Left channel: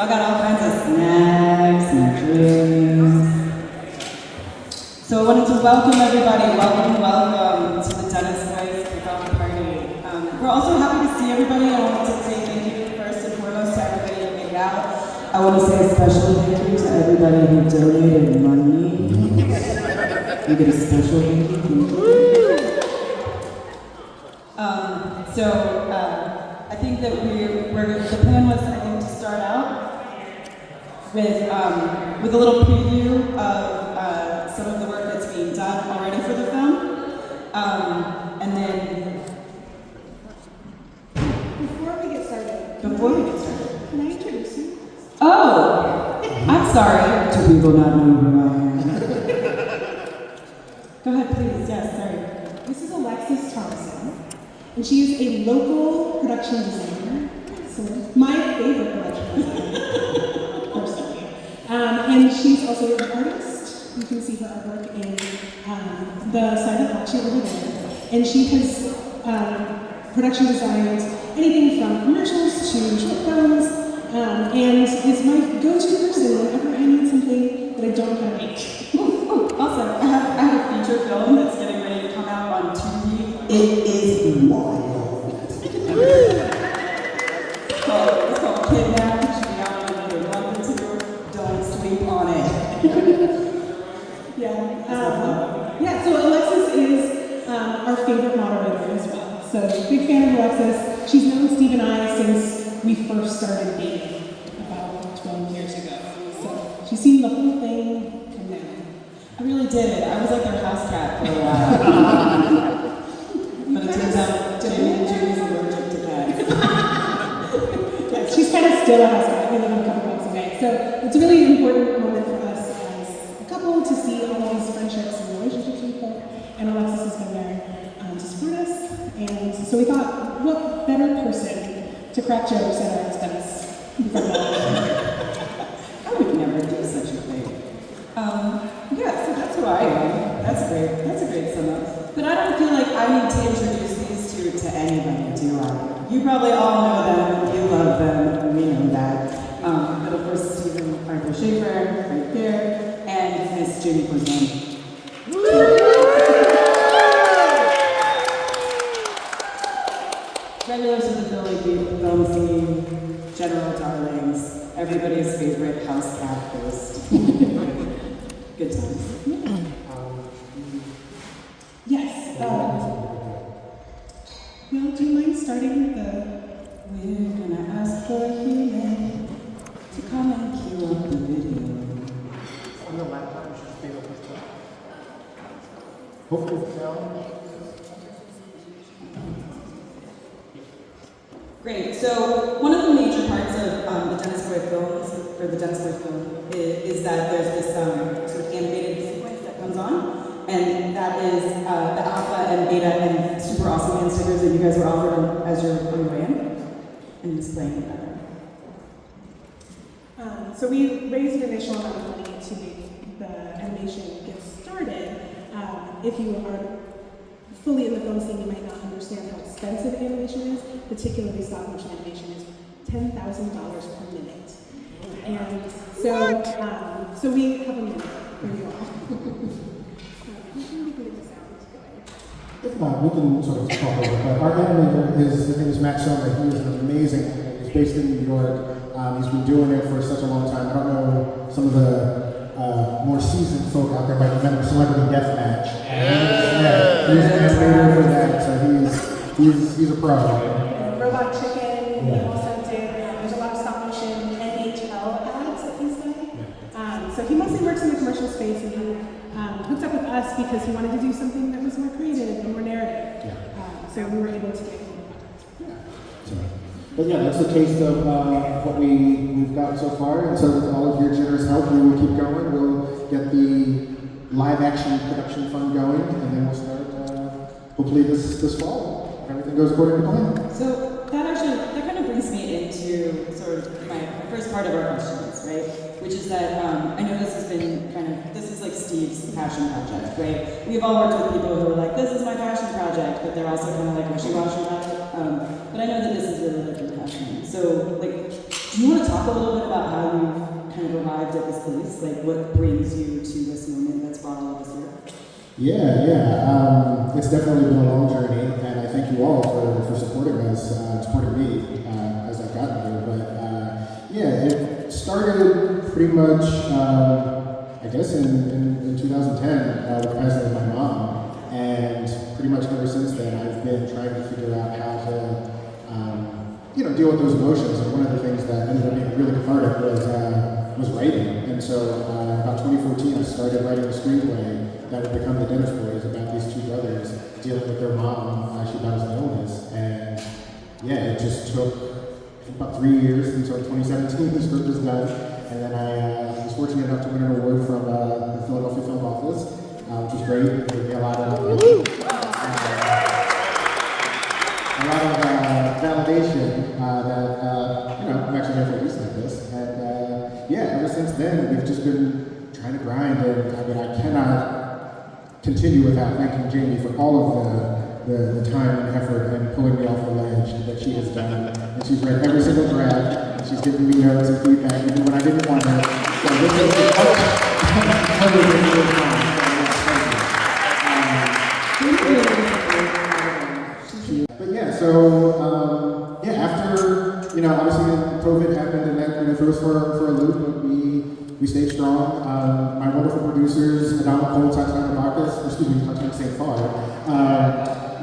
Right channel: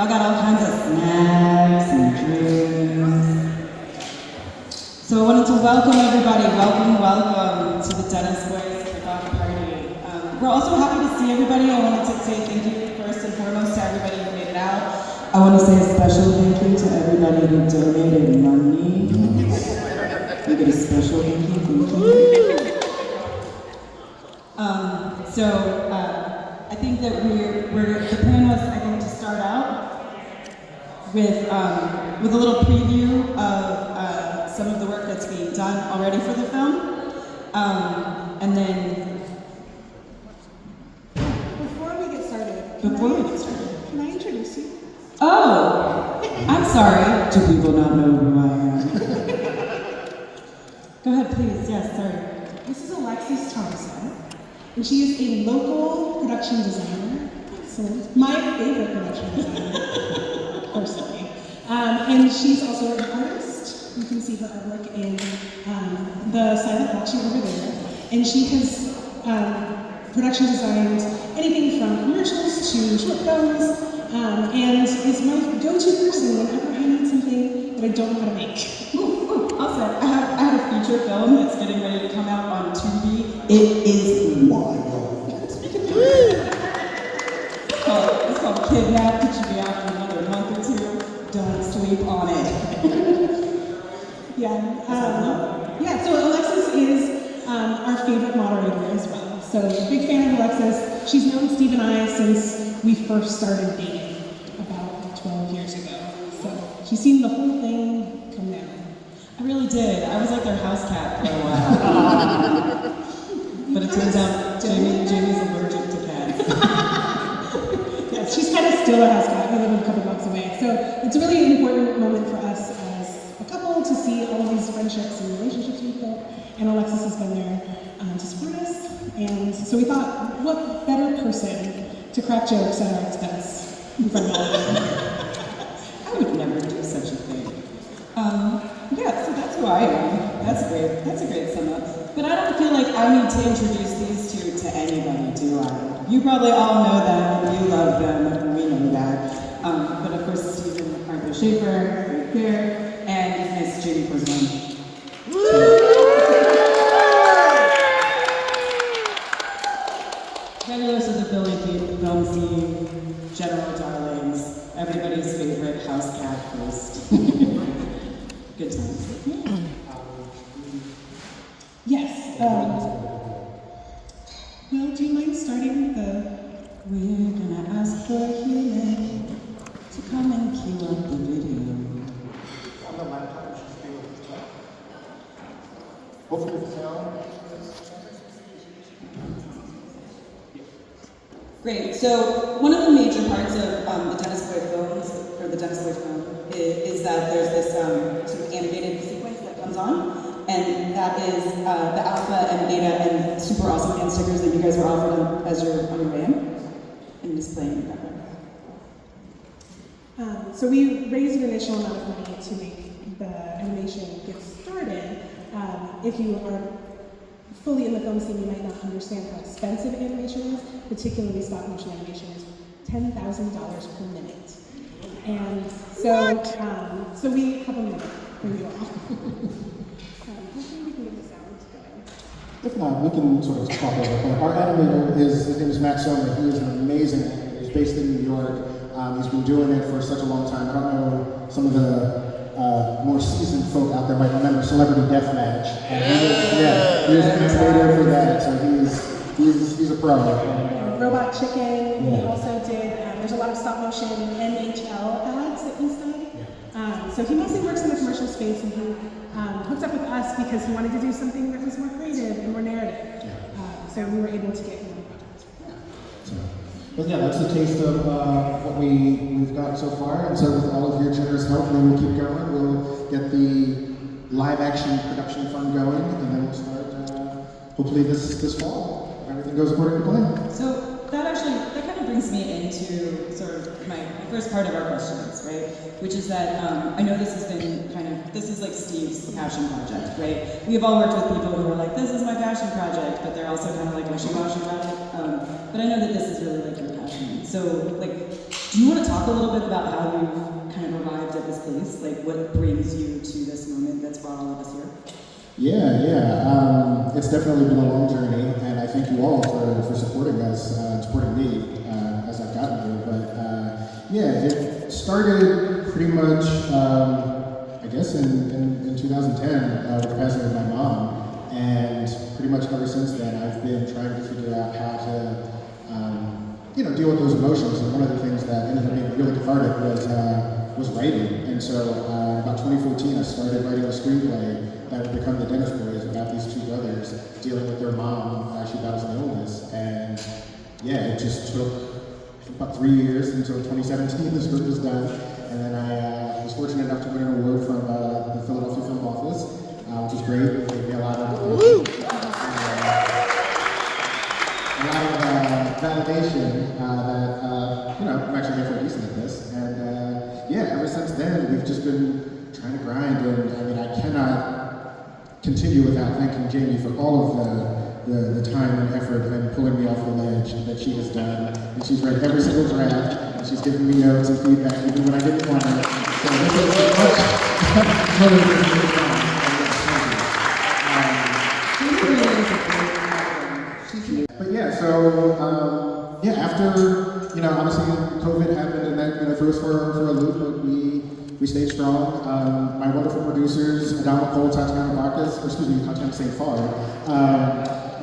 Y'all got all kinds of snacks and drinks. So I wanted to welcome everybody. Welcome to the Dennis Boys Kickoff Party. We're also happy to see everybody. I wanted to say thank you first and foremost to everybody who made it out. I want to say a special thank you to everybody who donated money. I get a special thank you. I think that the plan was, I think, to start out with a little preview of some of the work that's being done already for the film, and then Before we get started, can I introduce you? Oh, I'm sorry. Do people not know who I am? Go ahead, please. Yes, sorry. This is Alexis Thompson, and she is a local production designer. So my favorite production designer, personally. And she's also an artist. You can see her artwork in the silent auction over there. And she has production designed anything from commercials to short films, and is my go-to person whenever I need something that I don't know how to make. Also, I have a feature film that's getting ready to come out on TV. It is wild. It's called Kidnap. It should be out in another month or two. Don't sleep on it. So Alexis is our favorite moderator as well. So big fan of Alexis. She's known Steve and I since we first started dating about 12 years ago. So she's seen the whole thing come down. I really did. I was like their house cat for a while. But it turns out Jamie's allergic to cats. Yes, she's kind of still a house cat. We live a couple blocks away. So it's a really important moment for us as a couple to see all these friendships and relationships with people. And Alexis has been there to support us. And so we thought, what better person to crack jokes at our expense? I would never do such a thing. So that's why that's a great sum up. But I don't feel like I need to introduce these two to anybody, do I? You probably all know them, you love them, we know that. But of course, Stephen Arthur Schaffer, right there, and Miss Jamie Corzine. Regulars of the film scene, general darlings, everybody's favorite house cat host. Good times. Yes. Well, do you mind starting with the... We're gonna ask for healing to come and cue up the video. On the laptop, she's able to talk. Hopefully it's on. Great. So one of the major parts of the Dennis Boyd films, or the Dennis Boyd film, is that there's this sort of animated sequence that comes on, and that is the alpha and beta and super awesome man stickers that you guys were offered as you're on your way in, and displaying in that. So we raised an initial amount of money to make the animation get started. If you are fully in the film scene, you might not understand how expensive animation is, particularly stop motion animation is $10,000 per minute. And so we have a minute for you all. We can make this out. If not, we can sort of talk over it. Our animator is Max Sommer. He is an amazing animator. He's based in New York. He's been doing it for such a long time. I don't know, some of the more seasoned folk out there might remember Celebrity Deathmatch. He's an animator for that, so he's a pro. Robot Chicken, he also did, there's a lot of stop motion NHL ads that he's done. So he mostly works in the commercial space, and he hooked up with us because he wanted to do something that was more creative and more narrative. So we were able to get him a product. But yeah, that's a taste of what we've got so far, and so with all of your generous help, we will keep going. We'll get the live action production fund going, and then we'll start hopefully this fall. If everything goes according to plan. So that kind of brings me into sort of my first part of our questions, right? Which is that I know this has been this is like Steve's passion project, right? We've all worked with people who are like, this is my passion project, but they're also kind of like wishy-washy about it. But I know that this is really like your passion. So like, Do you want to talk a little bit about how you've kind of arrived at this place? Like, what brings you to this moment that's brought all of us here? Yeah. It's definitely been a long journey, and I thank you all for supporting us, supporting me as I've gotten here. But yeah, it started pretty much, I guess, in 2010 with the passing of my mom. And pretty much ever since then, I've been trying to figure out how to, deal with those emotions. And one of the things that ended up being really cathartic was writing. And so, about 2014, I started writing a screenplay that would become The Dentist Boys, about these two brothers dealing with their mom actually battles an illness. And yeah, it just took about 3 years until 2017 the script was done. And then I was fortunate enough to win an award from the Philadelphia Film Office, which was great. It gave me a lot of validation that I'm actually there for a reason like this. And yeah, ever since then, we've just been trying to grind. And I mean, I cannot continue without thanking Jamie for all of the time and effort and pulling me off the ledge that she has done. And she's read every single draft, and she's given me notes and feedback even when I didn't want it. So this is much better than you would find. But yeah, so after obviously COVID happened, and then it threw us for a loop, but we stayed strong. My wonderful producers, Adamah, Tatiana, Bacchus, Tatiana St. Far,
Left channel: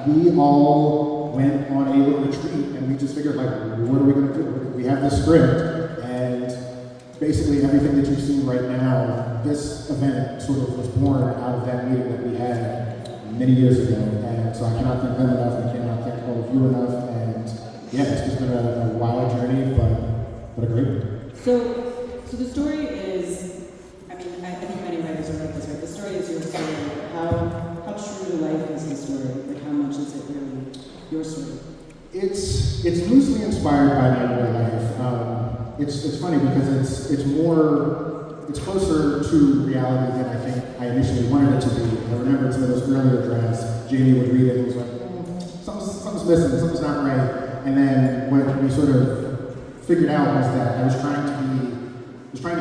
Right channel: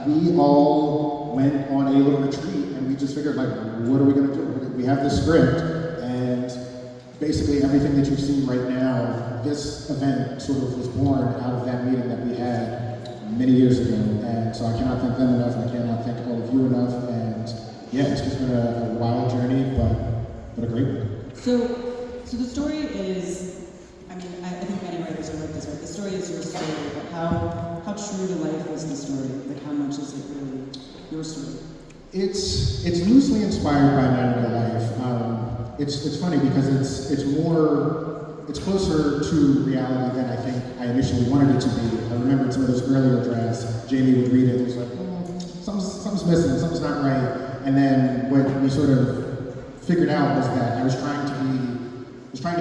we all went on a little retreat, and we just figured, like, what are we going to do? We have this script, and basically everything that you've seen right now, this event sort of was born out of that meeting that we had many years ago. And so I cannot thank them enough, and I cannot thank all of you enough. And yeah, it's just been a wild journey, but a great one. So the story is, I think many writers are like this, right? The story is your story. How true to life is the story? Like, how much is it really your story? It's loosely inspired by my real life. It's funny because it's closer to reality than I think I initially wanted it to be. I remember some of those earlier drafts, Jamie would read it and was like, something's missing, something's not right. And then what we sort of figured out was that I was trying to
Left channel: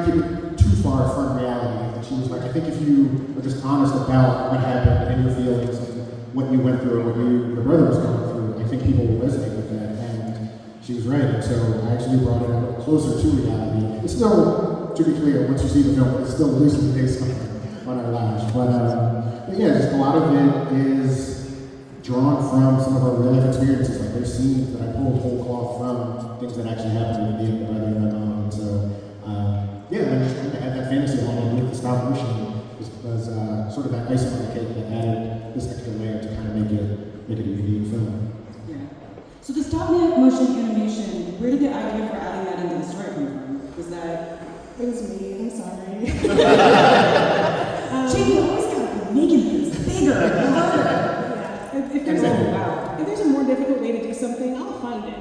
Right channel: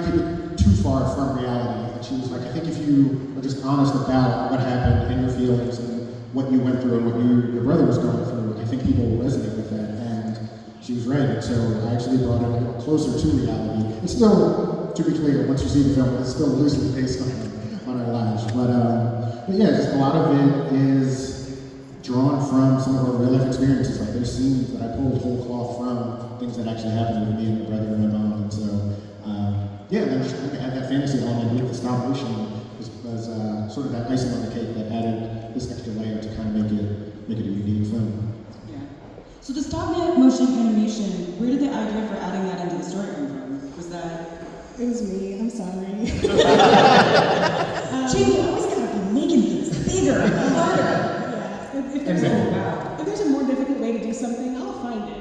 keep it too far from reality. And she was like, I think if you were just honest about what happened and your feelings and what you went through and what your brother was going through, I think people will resonate with that. And she was right. And so I actually brought it a little closer to reality. It's still, to be clear, once you see the film, it's still loosely based on our lives. But yeah, just a lot of it is drawn from some of our real life experiences. Like, there's scenes that I pulled whole cloth from things that actually happened with me and my brother and my mom. And so, I just tried to add that fantasy element with the stop motion was sort of that icing on the cake that added this particular layer to kind of make it a unique film. Yeah. So the stop motion animation, where did the idea for adding that into the story come from? Was that? It was me. I'm sorry. Jamie always kind of making things bigger, harder. If there's a more difficult way to do something, I'll find it.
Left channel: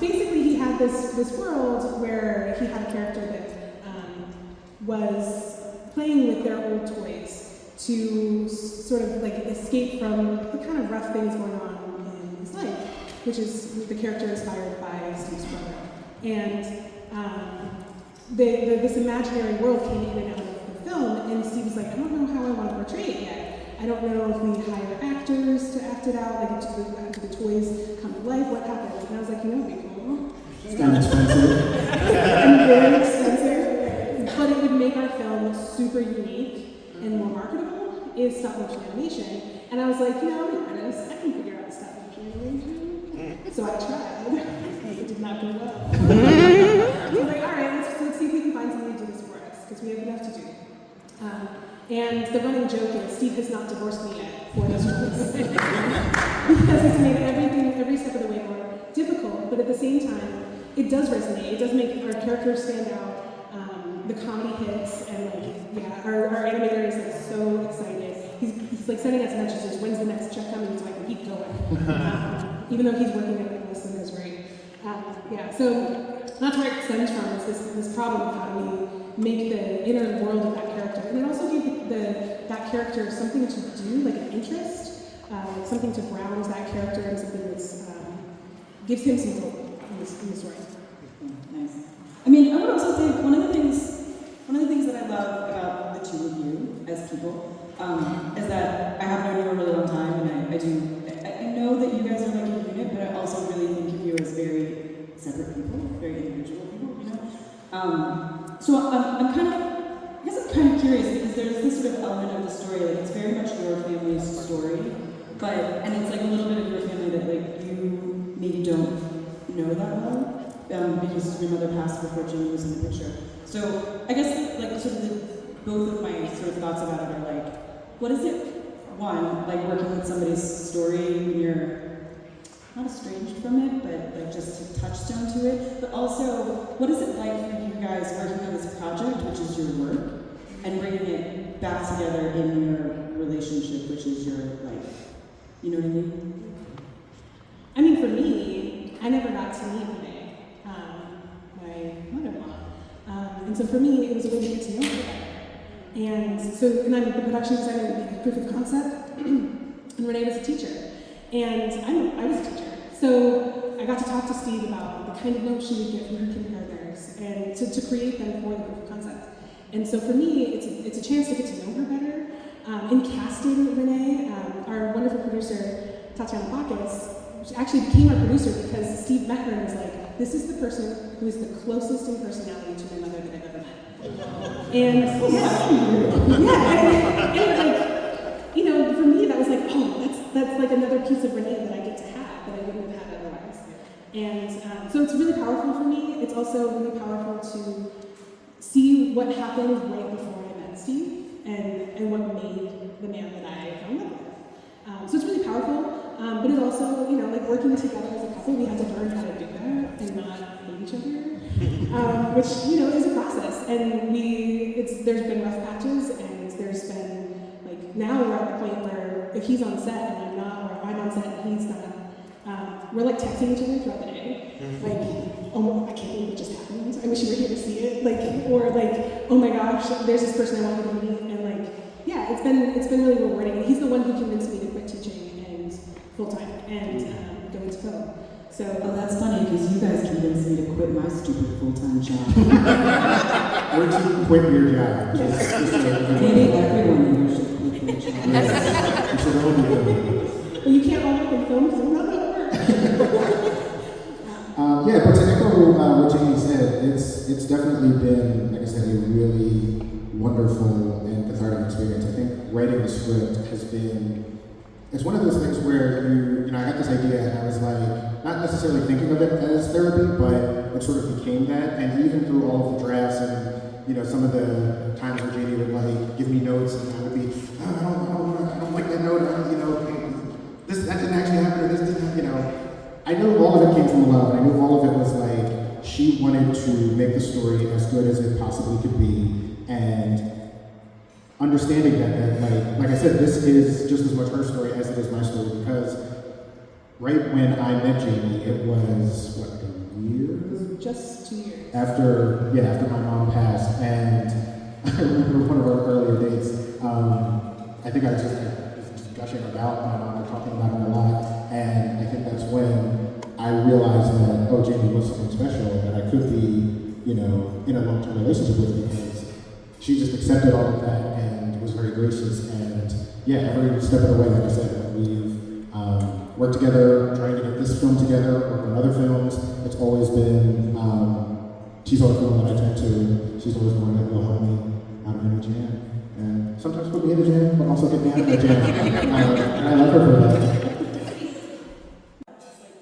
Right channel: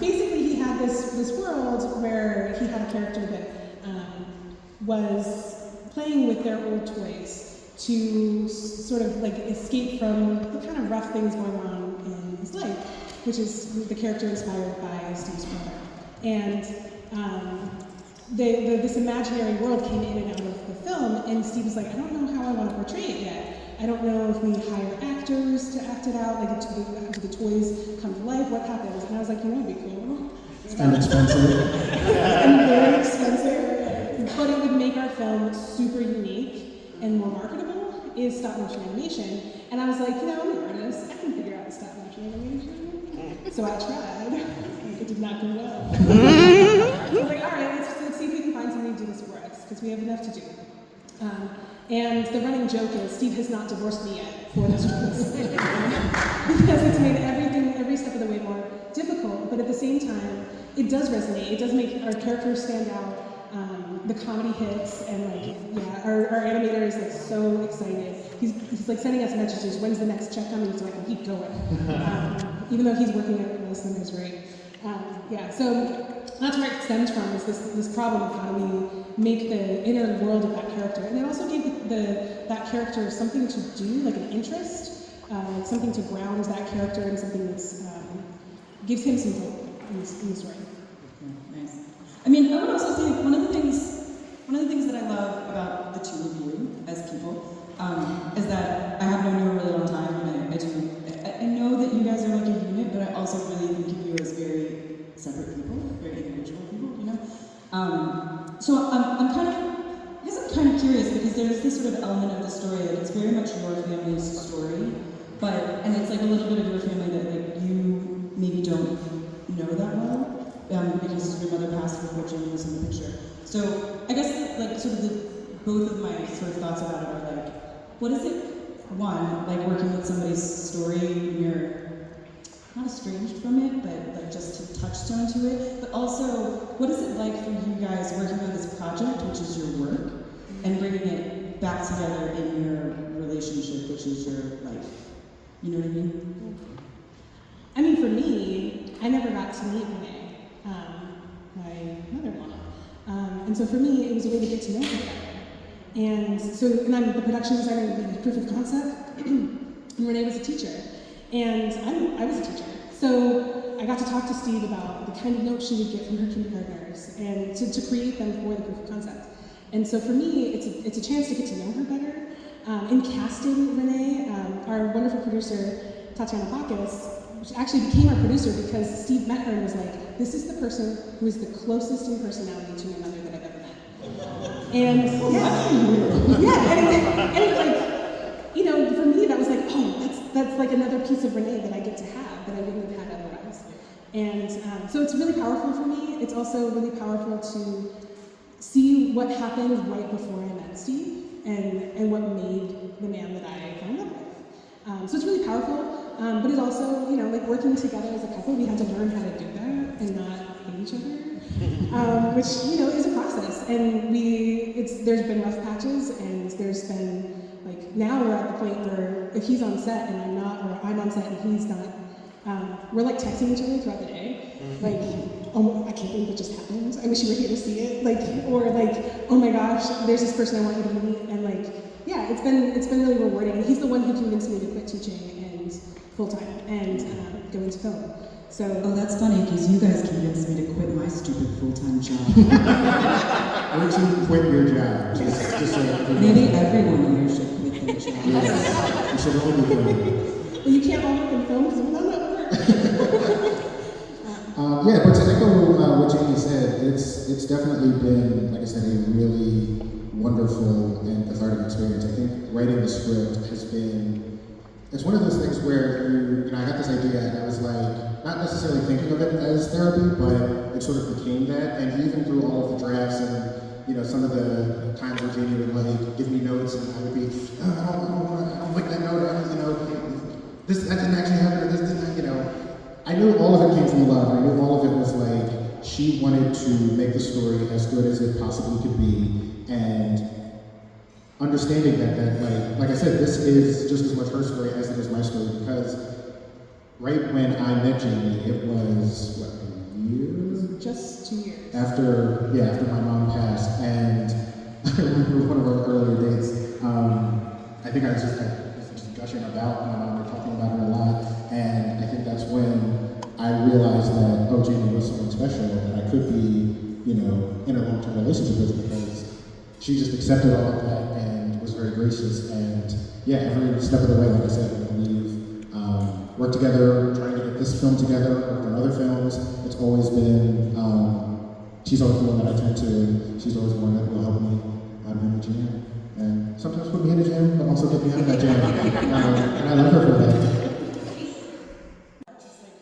Basically, he had this world where he had a character that was playing with their old toys to sort of like escape from the kind of rough things going on in his life, which is the character inspired by Steve's brother. And this imaginary world came in and out of the film, and Steve was like, I don't know how I want to portray it yet. I don't know if we hire actors to act it out, like do the toys come to life, what happens? And I was like, it'd be cool. It's kind of expensive. And very expensive, but it would make our film super unique and more marketable, is stop motion animation. And I was like, I'm an artist, I can figure out stop motion animation. So I tried. It did not come well. I was like, all right, let's see if we can find somebody to do this for us, because we have enough to do. And the running joke is Steve has not divorced me yet for this choice. Because it's made every step of the way more difficult, but at the same time, it does resonate. It does make our characters stand out. The comedy hits, and our animator is like so excited. He's like sending us messages, when's the next check coming, so I can keep going. Even though he's working at most of his rate. So that's where it stems from, is this problem of how do we make the inner world of that character, and then also give that character something to do, like an interest, something to ground that character in something that's gives him some goal in the story. Yes. things that I love about the two of you as people is that I have known you a really long time, and I know that you guys are like a unit, but I also really think of you as very separate people, very individual people, you know? So I'm kind of curious, because there's this sort of element of the story, like it's very much your family's story, and it's like a little bit of your family that like you maybe don't know that well, because your mother passed before Jimmy was in the picture. So I guess like sort of both of my sort of thoughts about it are like, what is it, one, like working with somebody's story when you're not estranged from it, but like just a touchstone to it, but also, what is it like for you guys working on this project, which is your work, and bringing it back together in your relationship, which is your life? You know what I mean? I mean, for me, I never got to meet Renee, my mother-in-law. And so for me, it was a way to get to know her. And I'm the production designer with the proof of concept, and Renee was a teacher. And I was a teacher. So I got to talk to Steve about the kind of notes she would get from her kindergartners and to create them for the proof of concept. And so for me, it's a chance to get to know her better. In casting Renee, our wonderful producer, Tatiana Bacchus, she actually became our producer because Steve met her and was like, this is the person who is the closest in personality to my mother that I've ever met. And you know, for me that was like, oh, that's like another piece of Renee that I get to have that I wouldn't have had otherwise. And so it's really powerful for me. It's also really powerful to see what happened right before I met Steve and what made the man that I fell in love with. So it's really powerful. But it's also, you know, like working together as a couple, we have to learn how to do that and not hate each other, which, you know, is a process. And there's been rough patches, and there's been, like, now we're at the point where if he's on set and I'm not, or if I'm on set and he's not, we're like texting each other throughout the day. Like, oh, I can't believe it just happened. I wish you were here to see it. Like, or like, oh my gosh, there's this person I wanted to meet. And like, yeah, it's been really rewarding. And he's the one who convinced me to quit teaching full-time and going to film. So, oh, that's funny, because you guys convinced me to quit my stupid full-time job. Why don't you quit your job? Maybe everyone here should quit their job. You should all be doing it. Well, you can't all work in film because we're not Yeah, but to echo what Jenny said, it's definitely been, like I said, a really wonderful and cathartic experience. I think writing the script has been. It's one of those things where I had this idea and I was like, not necessarily thinking of it as therapy, but it sort of became that. And even through all of the drafts and, some of the times where Jenny would like give me notes and I would be, I don't like that note, that didn't actually happen, I know all of it came from love. I know all of it was like, she wanted to make the story as good as it possibly could be. And understanding that like I said, this is just as much her story as it is my story, because right when I met Jamie, it was, a year? Just 2 years. After my mom passed, and I remember one of our earlier dates, I think I was just gushing about my mom and talking about her a lot, and I think that's when I realized that, oh, Jamie was something special, that I could be, in a long-term relationship with, because she just accepted all of that and was very gracious. And every step of the way, like I said, we've worked together, trying to get this film together, worked on other films. It's always been, she's always the one that I turn to, and she's always the one that will help me out in the jam. And sometimes put me in the jam, but also get me out of that jam. And I love her for that. Just like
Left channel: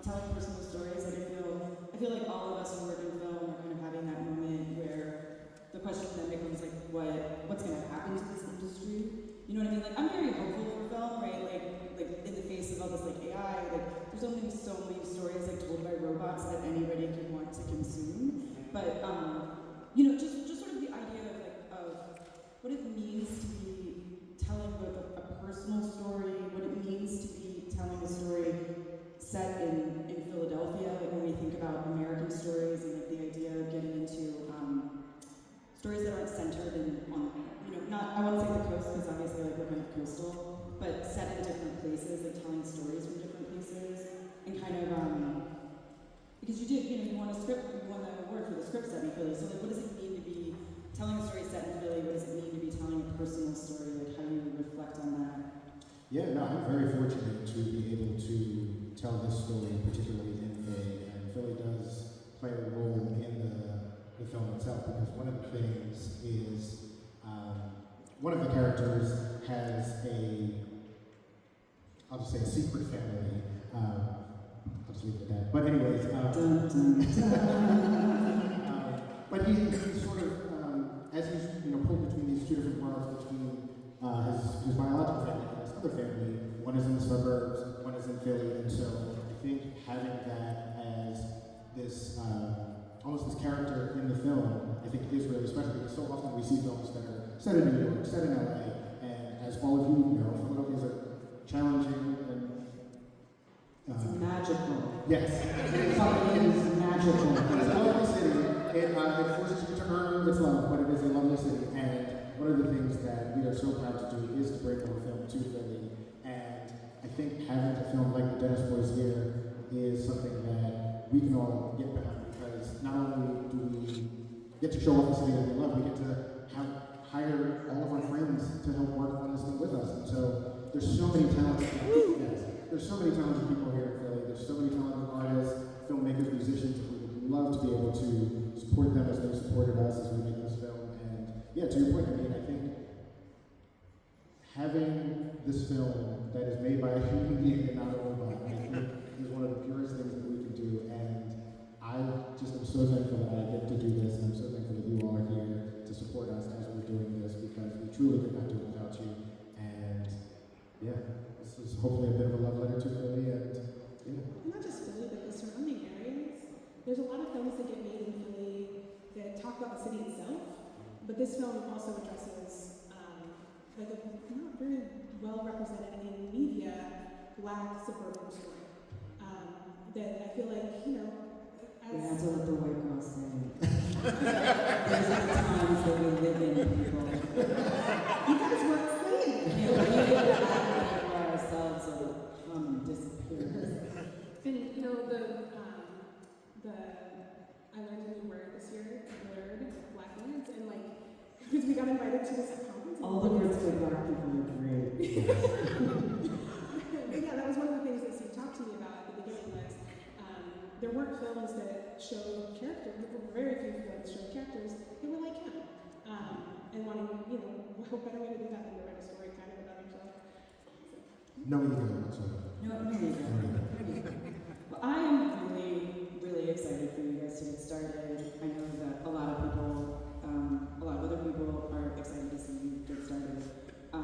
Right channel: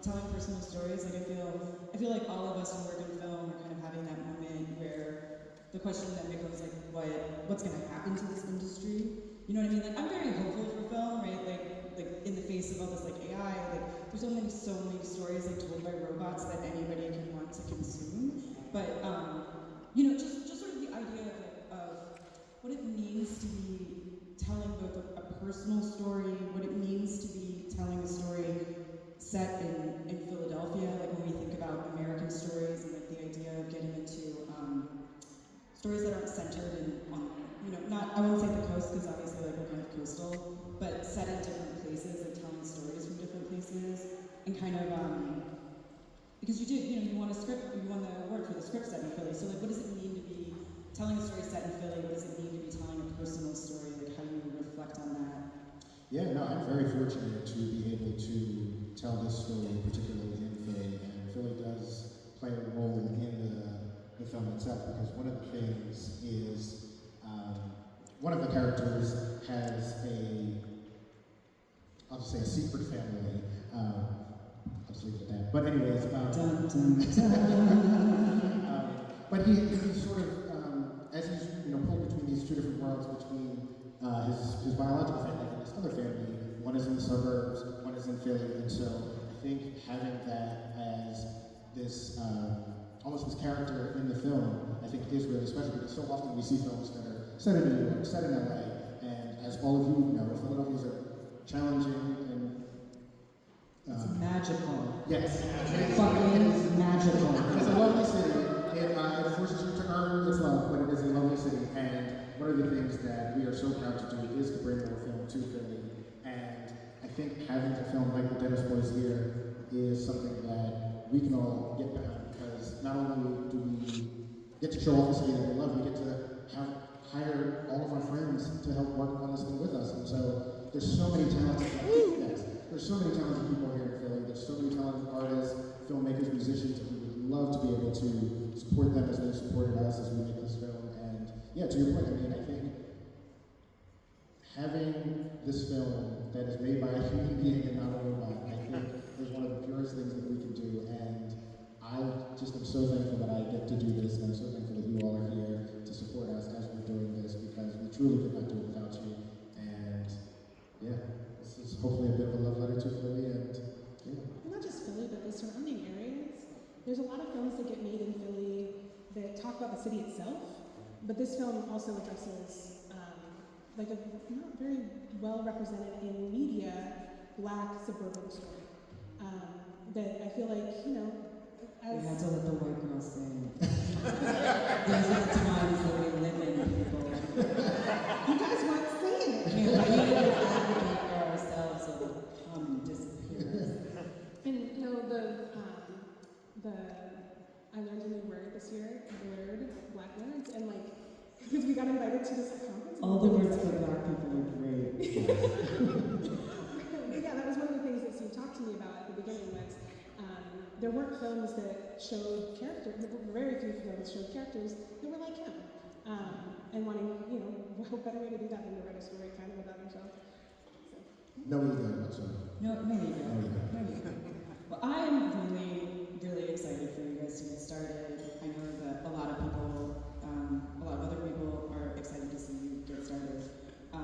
telling personal stories, like I feel like all of us who work in film are kind of having that moment where the question then becomes like, what's going to happen to this industry? You know what I mean? Like, I'm very hopeful for film, right? Like in the face of all this like AI, like there's only so many stories like told by robots that anybody can want to consume. But just sort of the idea of what it means to be telling like a personal story, what it means to be telling a story set in Philadelphia, like when we think about American stories and like the idea of getting into stories that aren't centered on, not, I wouldn't say the coast, because obviously like we're kind of coastal, but set in different places and telling stories from different places, and kind of, because you won a script, you won the award for the script study, Philly, so like what does it mean to be telling a story set in Philly, what does it mean to be telling a personal story? Like, how do you reflect on that? Yeah, no, I'm very fortunate to be able to tell this story, particularly in Philly, and Philly does play a role in the film itself, because one of the things is, one of the characters has I'll just say a secret family. I'll just leave it at that. But anyways, but he's sort of, as he's pulled between these two different worlds, between his biological family and his other family, one is in the suburbs, one is in Philly, and so I think having that as this, almost this character in the film, I think is really special, because so often we see films that are set in New York, set in LA, and as all of you know, Philadelphia is challenging and it's magical. Yes. It's fucking magical. It's a lovely city. It forces you to earn its love, but it is a lovely city. And one of the things that we are so proud to do is to bring more film to Philly. And I think having a film like The Dennis Boys Year is something that we can all get behind, because not only do we get to show off the city that we love, we get to hire all of our friends to help work on this thing with us. And so there's so many talented There's so many talented people here in Philly. There's so many talented artists, filmmakers, musicians, and we would love to be able to support them as they supported us as we make this film. And yeah, to your point, I mean, I think having this film that is made by a human being and not a robot, I think is one of the purest things that we can do. And I just am so thankful that I get to do this, and I'm so thankful that you all are here to support us as we're doing this, because we truly could not do it without you. And yeah. This is hopefully a bit of a love letter to Philly, and not just Philly, but the surrounding areas. There's a lot of films that get made in Philly that talk about the city itself, but this film also addresses like a not very well represented in media Black suburban story. That I feel like, we had to let the white girls say it. Those are the times that we live in, people. You guys weren't saying it. We didn't advocate for ourselves, so the disappears. And I learned a new word this year, nerd, Black words, and because we got invited to this conference. All the words for Black people are great. But yeah, that was one of the things that Steve talked to me about at the beginning was there weren't films that showed characters, very few films that showed characters who were like him. And wanting, what better way to do that than to write a story kind of about yourself. no ego whatsoever. No. Well, I am really, really excited for you guys to get started. I know that a lot of other people are excited to see you get started. And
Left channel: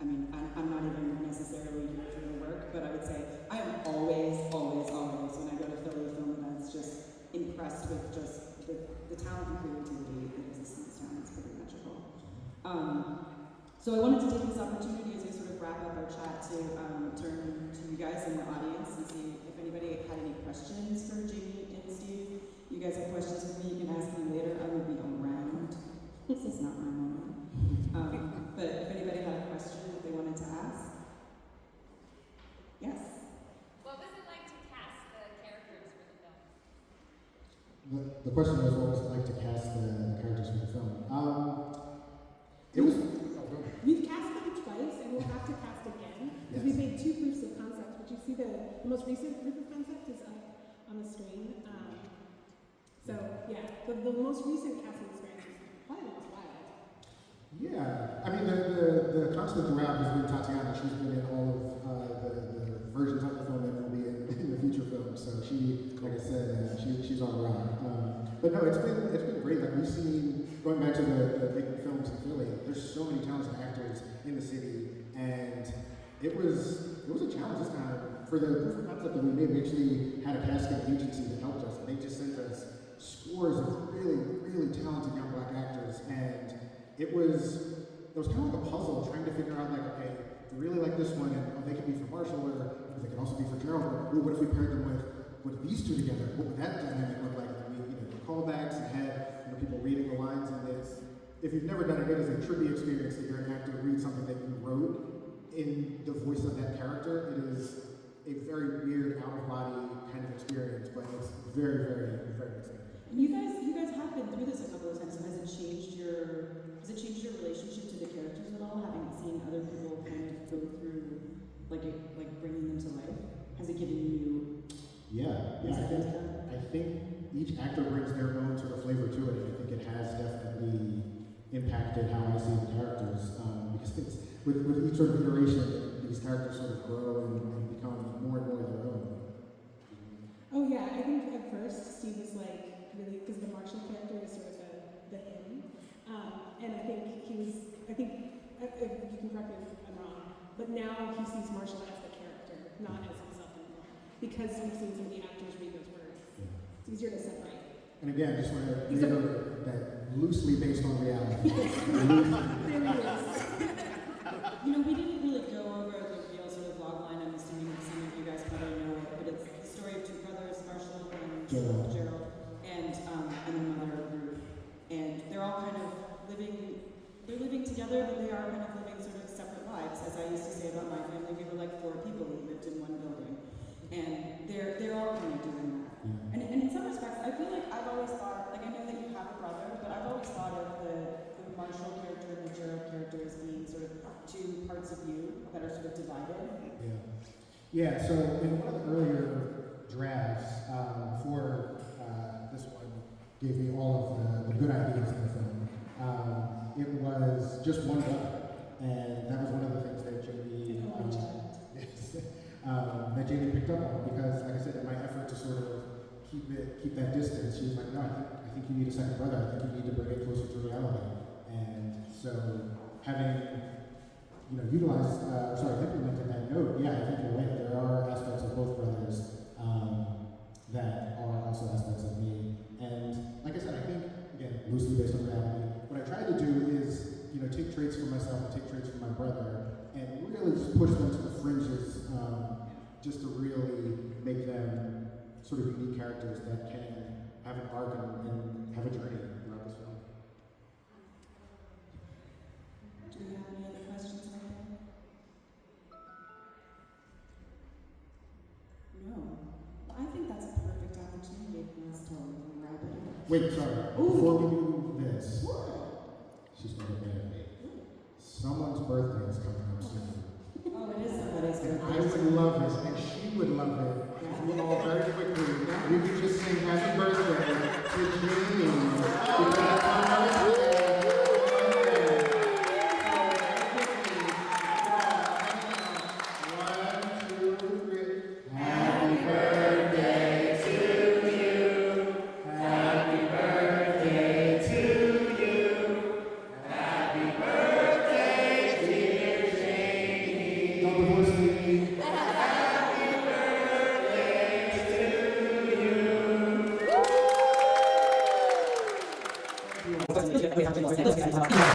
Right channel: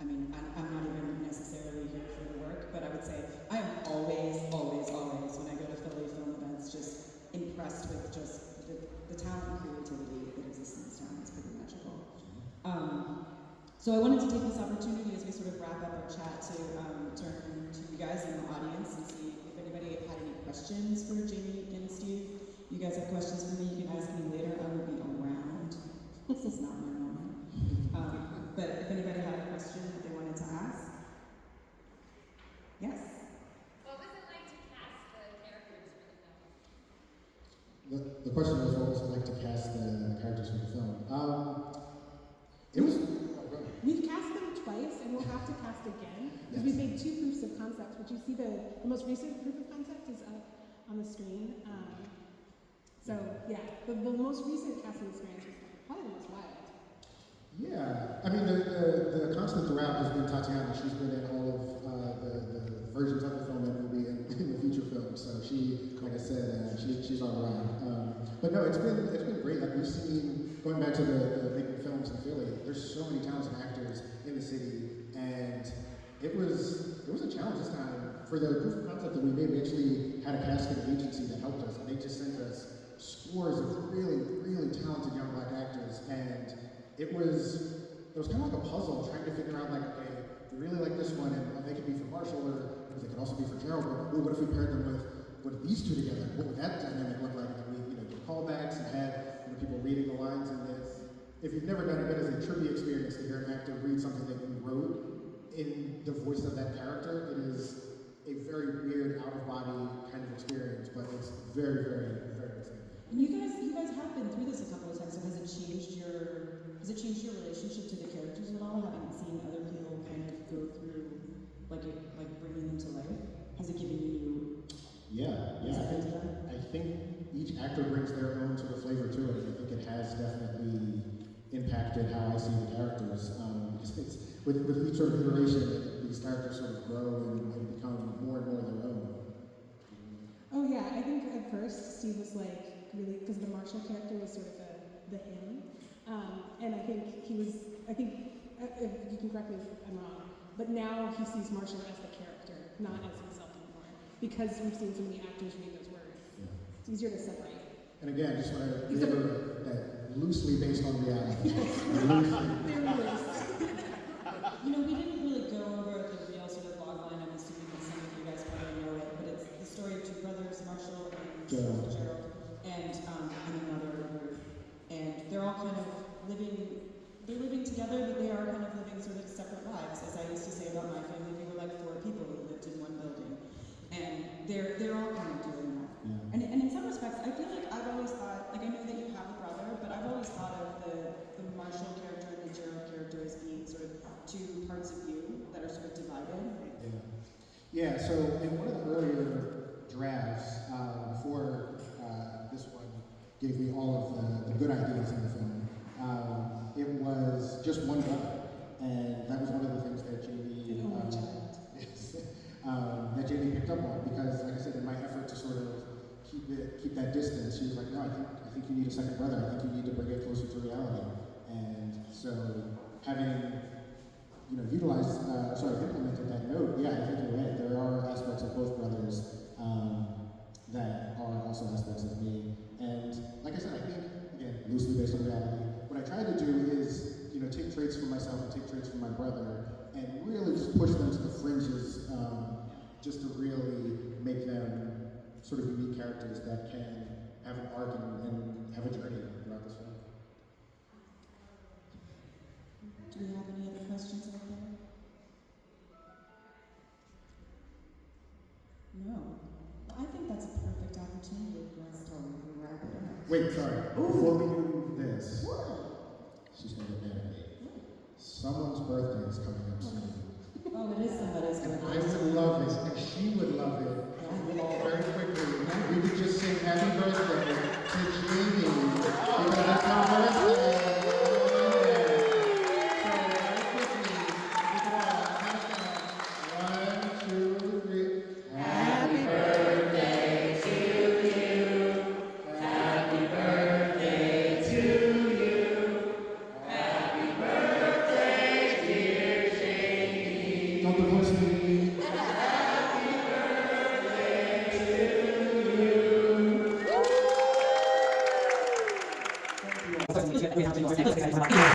I mean, I'm not even necessarily here for the work, but I would say I am always, when I go to Philly film events, just impressed with just the talent and creativity that exists in this town. It's pretty magical. So I wanted to take this opportunity as we sort of wrap up our chat to turn to you guys in the audience and see if anybody had any questions for Jamie and Steve. You guys have questions for me, you can ask me later. I will be around. This is not my moment. But if anybody had a question that they wanted to ask. Yes? What was it like to cast the characters for the film? The question was, what was it like to cast the characters for the film? It was. We've cast them twice, and we'll have to cast again because we made 2 proofs of concept. Would you see the most recent proof of concept is up on the screen? So yeah, the most recent casting experience probably was wild. Yeah, I mean the constant throughout has been Tatiana. She's been in all of the versions of the film that will be in the feature film. So she, like I said, she's on the rock. But no, it's been great. Like we've seen, going back to the making films in Philly, there's so many talented actors in the city, and it was a challenge this time. For the proof of concept that we made, we actually had a casting agency that helped us, and they just sent us scores of really, really talented young Black actors, and it was kind of like a puzzle trying to figure out, like, okay, we really like this one, and they could be for Marshall, or because they could also be for Gerald. Or what if we paired them with these two together? What would that dynamic look like? Callbacks and had people reading the lines in this. If you've never done it as a trivia experience to hear an actor read something that you wrote in the voice of that character, it is a very weird, out-of-body kind of experience, but it's very, very, very exciting. You guys have been through this a couple character kind of go through, like bringing them to life? Has it given you? Yeah. I think each actor brings their own sort of flavor to it. I think it has definitely impacted how I see the characters. Because with each sort of iteration, these characters sort of grow and become more and more their own. Oh yeah, I think at first Steve was like really, because the Marshall character was sort of the him, and I think you can correct me if I'm wrong, but now he sees Marshall as the character, not as himself anymore, because we've seen so many actors read those words. Yeah. It's easier to separate. And again, just want to reiterate that loosely based on reality. You know, we didn't really go over the real sort of log line. I'm assuming that some of you guys probably know it, but it's the story of two brothers, Marshall and Gerald, and another Ruth. And they're all kind of they're living together, but they are kind of living sort of separate lives. As I used to say about my family, we were like 4 people who lived in one building. And they're all kind of doing that. Yeah. And in some respects, I feel like I've always thought, like I know that you have a brother, but I've always thought of the Marshall character and the Gerald character as being sort of 2 parts of you that are sort of divided. Yeah, so in one of the earlier drafts, before this one gave me all of the good ideas in the film, it was just one brother. And that was one of the things that Jamie that Jamie picked up on, because like I said, in my effort to sort of keep that distance, she was like, no, I think you need a second brother. I think you need to bring it closer to reality. And so having implemented that note, yeah, I think you're right. There are aspects of both brothers that are also aspects of me. And like I said, I think, again, loosely based on reality, what I try to do is, take traits from myself and take traits from my brother and really just push them to the fringes, just to really make them sort of unique characters that can have an arc and have a journey throughout this film. Do we have any other questions about that? No. Well, I think that's a perfect opportunity for us to wrap it up. Wait, sorry. Before we do this, she's going to get mad at me. Someone's birthday is coming up soon. Oh, it is somebody's birthday. I would love it, and she would love it. You all very quickly. You could just sing happy birthday to Jamie. Because it's her birthday.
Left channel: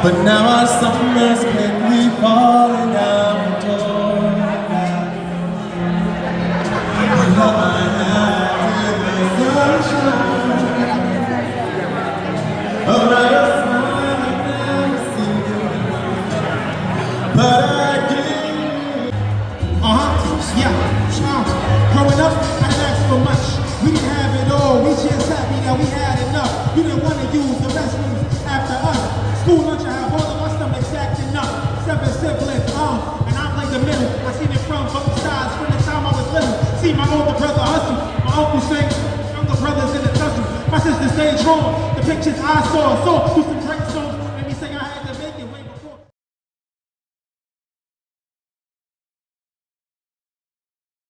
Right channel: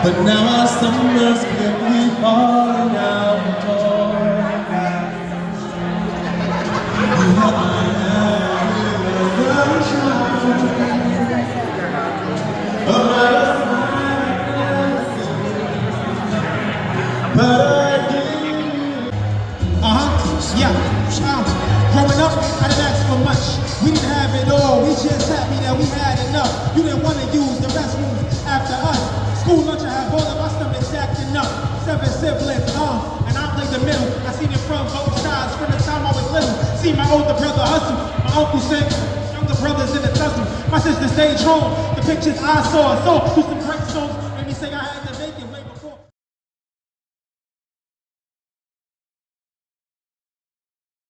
But now something that's been me falling out the door. Growing up, I didn't ask for much. We didn't have it all. We just happy that we had enough. You didn't want to use the restrooms after us. School lunch, I have all of our stomachs acting up. my older brother hustle. My older say, younger brothers in the tussle. My sister stayed strong. The pictures I saw used to